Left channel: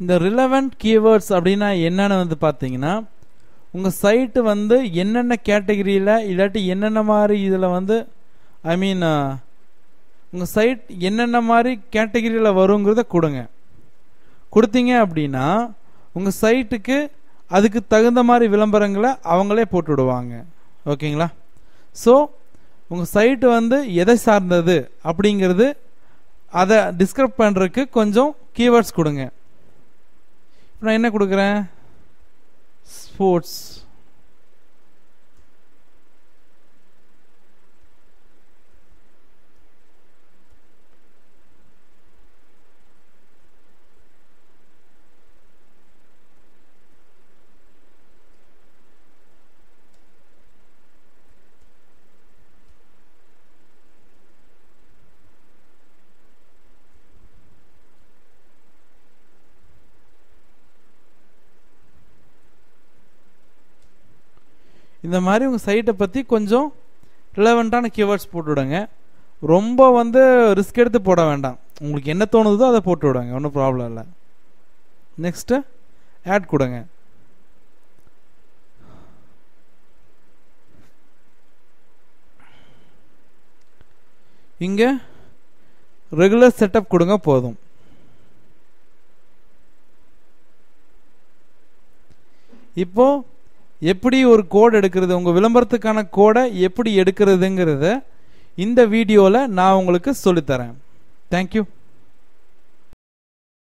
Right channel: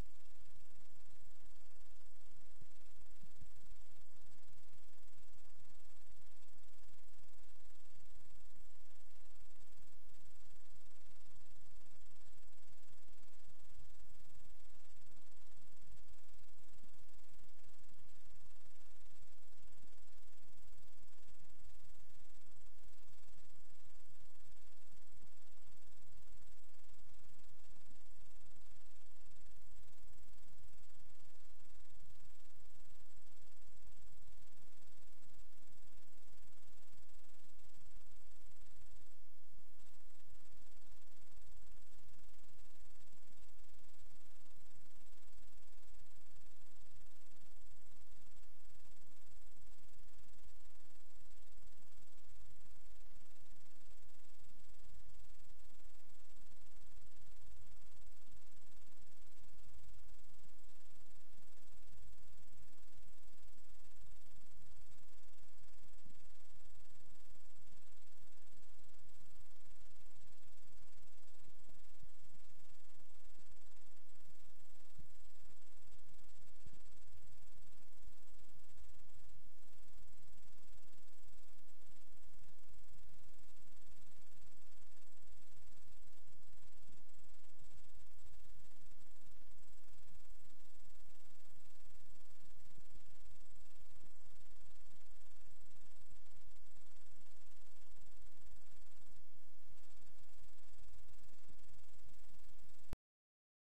இந்த relevant keywords அப்படின்னா என்னன்னு வந்து பார்த்தீங்கன்னா, உங்கள் சைட்டு வந்து என்னென்ன கேட்டகரியில் இல்லாட்டி என்னென்ன மாதிரி இதில் வந்து ஐ மீன் உங்கள் சைட் என்னென்ன மாதிரி கேட்டகரியில் வருங்கிறத கொடுங்க. கொடுத்தீங்க அப்படின்னா உங்கள் சைட்டுக்கு அதுக்கு தகுந்த மாதிரி விளம்பரங்களை அவங்களே போட்டு விடுவாங்க. ஓகேங்களா? ஸோ உங்கள் சைட்டு வந்து எதை சார்ந்தது அப்படிங்கிறது அதை டிஸ்கிரைப் பண்ணுறதுக்கு கொஞ்சம் கீவேர்ட்ஸ் கொடுங்க. நான் என்ன கொடுக்குறேன்? ஸ்போர்ட்ஸ். இந்த மாதிரி உங்கள் சைட்டை பற்றி கொஞ்சம் ரிலவெண்ட்டான கீவேர்ட்ஸ் போட்டு விடுங்க. ரொம்ப வந்து ரிஸ்க் எடுத்து போட வேண்டாம். உங்களுக்கு என்ன தோணுதோ அதை போட்டு விடுங்க, ஒன்றும் ப்ராப்ளம் இல்லை. நெக்ஸ்ட்டு ஆட் கொடுங்க. இங்கே ரெகுலர் செட்டப் கொடுங்க போதும். இப்போ எப்படி ஒரு கோட் எடுக்கிறது, உங்கள் விளம்பரத்துக்கான கோடை எப்படி எடுக்கிறதுங்கிறத இந்த வீடியோவில் நான் உங்களுக்கு சொல்லித்தரேன். தேங்க்யூ.